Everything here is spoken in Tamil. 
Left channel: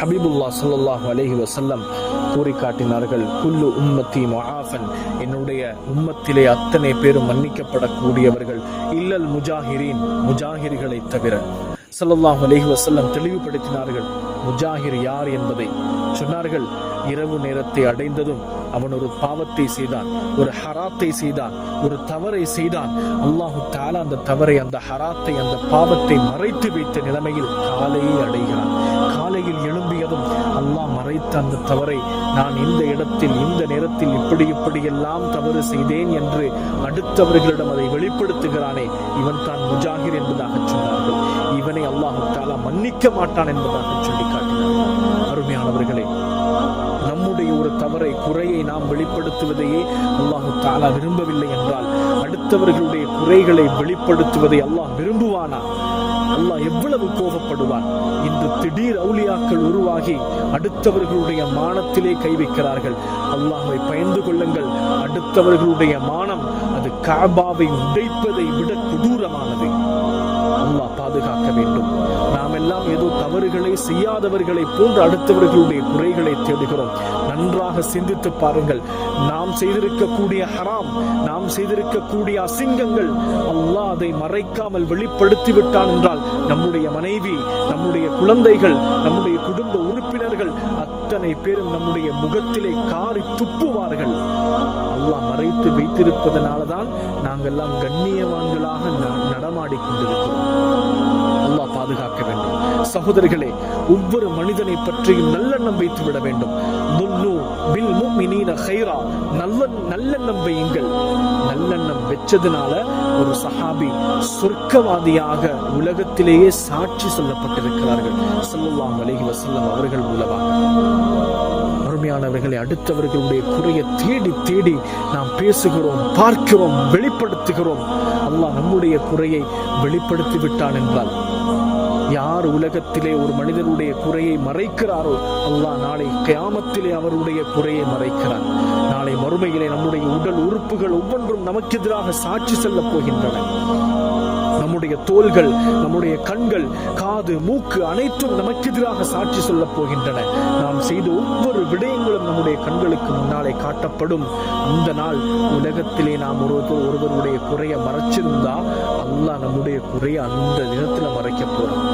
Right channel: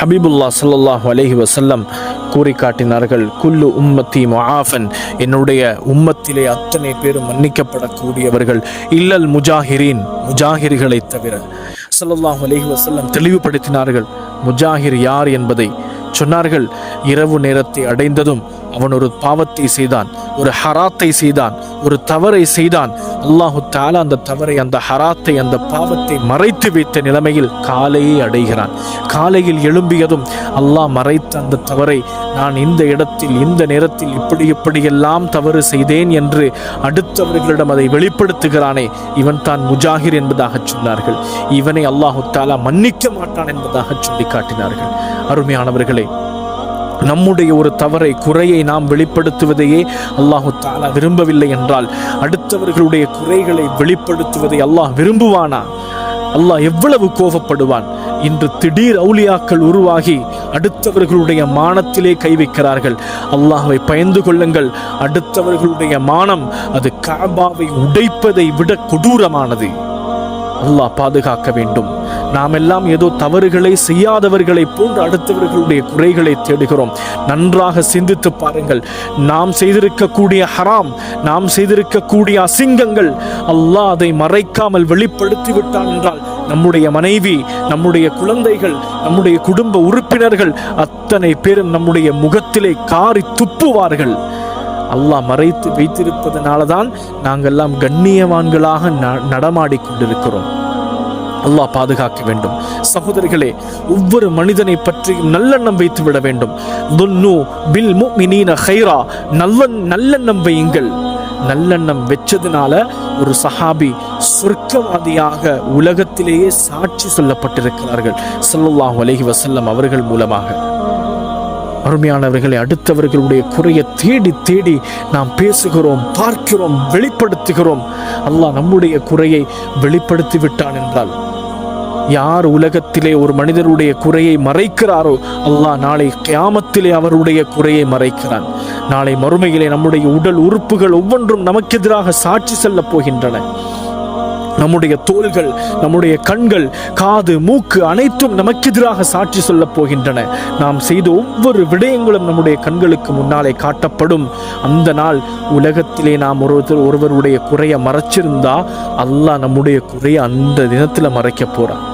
ஹபீபுல்லா ஸல்லல்லாஹு அலைஹி வஸல்லம் கூறி காட்டினார்கள், குல்லு உம்மத்தி முஆஃபன், என்னுடைய உம்மத்திலே அத்தனை பேரும் மன்னிக்கப்படக்கூடியவர்கள், இல்லல் முஜாஹிரீன், முஜாஹிர்களை தவிர. ஸல்லல்லாஹு அலைஹி வஸல்லம் தெளிவுபடுத்தினார்கள் முஜாஹிர் யார் என்பதை. சொன்னார்கள், இரவு நேரத்தை அடைந்ததும் அவன் ஒரு பாவத்தை செய்தான், ஒரு ஹராத்தை செய்தான், ஒரு தவறை செய்தான். அல்லாஹு தஆலா அந்த தவறை, அந்த ஹராத்தை, அந்த பாவத்தை மறைத்து வைத்த நிலைமையில் காலையை அடைகிறான். காலையில் எழும்பியதும் அல்லாஹ் மறைத்த அந்த தவறை, நான் இந்த இடத்தில் இந்த நேரத்தில் இப்படியெல்லாம் தவறு செய்தேன் என்று அடுத்தவர்களிடம் அதை வெளிப்படுத்துகிறானே, இவன் தான் முஜாஹிர் என்பதாக சொன்னார்கள். இவனை அல்லாஹு தஆலா மன்னிக்க மாட்டான் என்பதாக சொல்லி காட்டினார்கள். அருமையானவர்களே, நம்முடைய ஒரு தவறை, குறையை நாம் வெளிப்படுத்துவதையே அல்லாஹு தஆலா விரும்பவில்லை என்றால் அடுத்தவர்களுடைய குறைகளை வெளிப்படுத்துவதை அல்லாஹ் விரும்புவானா? அல்லாஹ் எவ்வளவு கோபப்படுவான். இன்று திடீர் அவுலியாக்கள் உருவாகி அடுத்தவர்களுடைய மானத்திலே கை வைக்கிறார்கள். அல்லாஹ்வை பயந்து கொள்ளுங்கள். அடுத்தவர்களுடைய மானம் அது கஅபாவை உடைப்பதை விட கொடூரமானது. அல்லாஹ் பாதுகாக்க வேண்டும். நாம் எல்லாம் ஏதோ தவறுகளை செய்யாதவர்களை போன்று அடுத்தவர்களுடைய குறைகளை தேடுகிறோம். நன்றாக சிந்தித்து பாருங்கள். நாம் செய்திருக்கக்கூடிய ஹராம், நாம் செய்திருக்கக்கூடிய அசிங்கங்கள் அல்லாஹ் அதை மறைக்காமல் வெளிப்படுத்தி விட்டான் என்றால் நம்முடைய மனைவி, நம்முடைய குழந்தைகள், நம்முடைய குடும்ப உறுப்பினர்கள் அத்தனை பேரும் நம்முடைய முகத்திலே காரி துப்புவார்கள். அல்லாஹ் மறைத்து வைத்திருப்பதனால தான் நாங்கெல்லாம் கண்ணியவான்களாக நடமாடி கொண்டிருக்கிறோம். அல்லாஹ் பாதுகாக்க வேண்டும். சகோதரர்களே, ஒவ்வொரு மனிதனை பற்றியும் நல்லெண்ணம் வைத்து விட வேண்டும். துன்னு பில் முஃமினீன கைரா, நல்லெண்ணம் வையுங்கள். நல்லெண்ணம் வெச்சதுனால ஒரு சஹாபி சொர்க்கவாதியாக உலகத்திலேயே சாட்சி சொல்லப்பட்டிருக்கிறார்கள் ஸல்லல்லாஹு அலைஹி வஸல்லம் அவர்கள் மூலமாக. அருமையானவர்களை, அடுத்தவர்களுடைய குறையை தேடி தேடி நாம் பேசுகிறோம், பார்க்கிறோம், வெளிப்படுத்துகிறோம். அல்லாஹ் நம்முடைய குறையை வெளிப்படுத்தி விட்டான் என்றால், யார் உலகத்திலே ஒரு மனிதருடைய குறையை மறைக்கிறாரோ அல்லாஹ் நாளை கியாமத்திலே அவருடைய குறையை மறைக்கிறான். நாளை மறுமையிலே நம்முடைய உடல் உறுப்புகள் ஒவ்வொன்றும் நமக்கு எதிராக சாட்சி செல்லப் போகின்றன. நம்முடைய தோள்கள், நம்முடைய கண்கள், காது, மூக்கு அனைத்தும் நமக்கு எதிராக சாட்சி சொல்லப் போகின்றன. நாம் செய்த ஒவ்வொரு விடயங்களும் நம்முடைய கண்களுக்கு முன்னாலே காட்டப்படும். அந்த நாள் உலகத்திலே நாம் ஒருவருடைய குறையை மறைச்சிருந்தா அல்லாஹ் நம்முடைய குறையை அந்த தினத்தில் மறைக்க போறான்.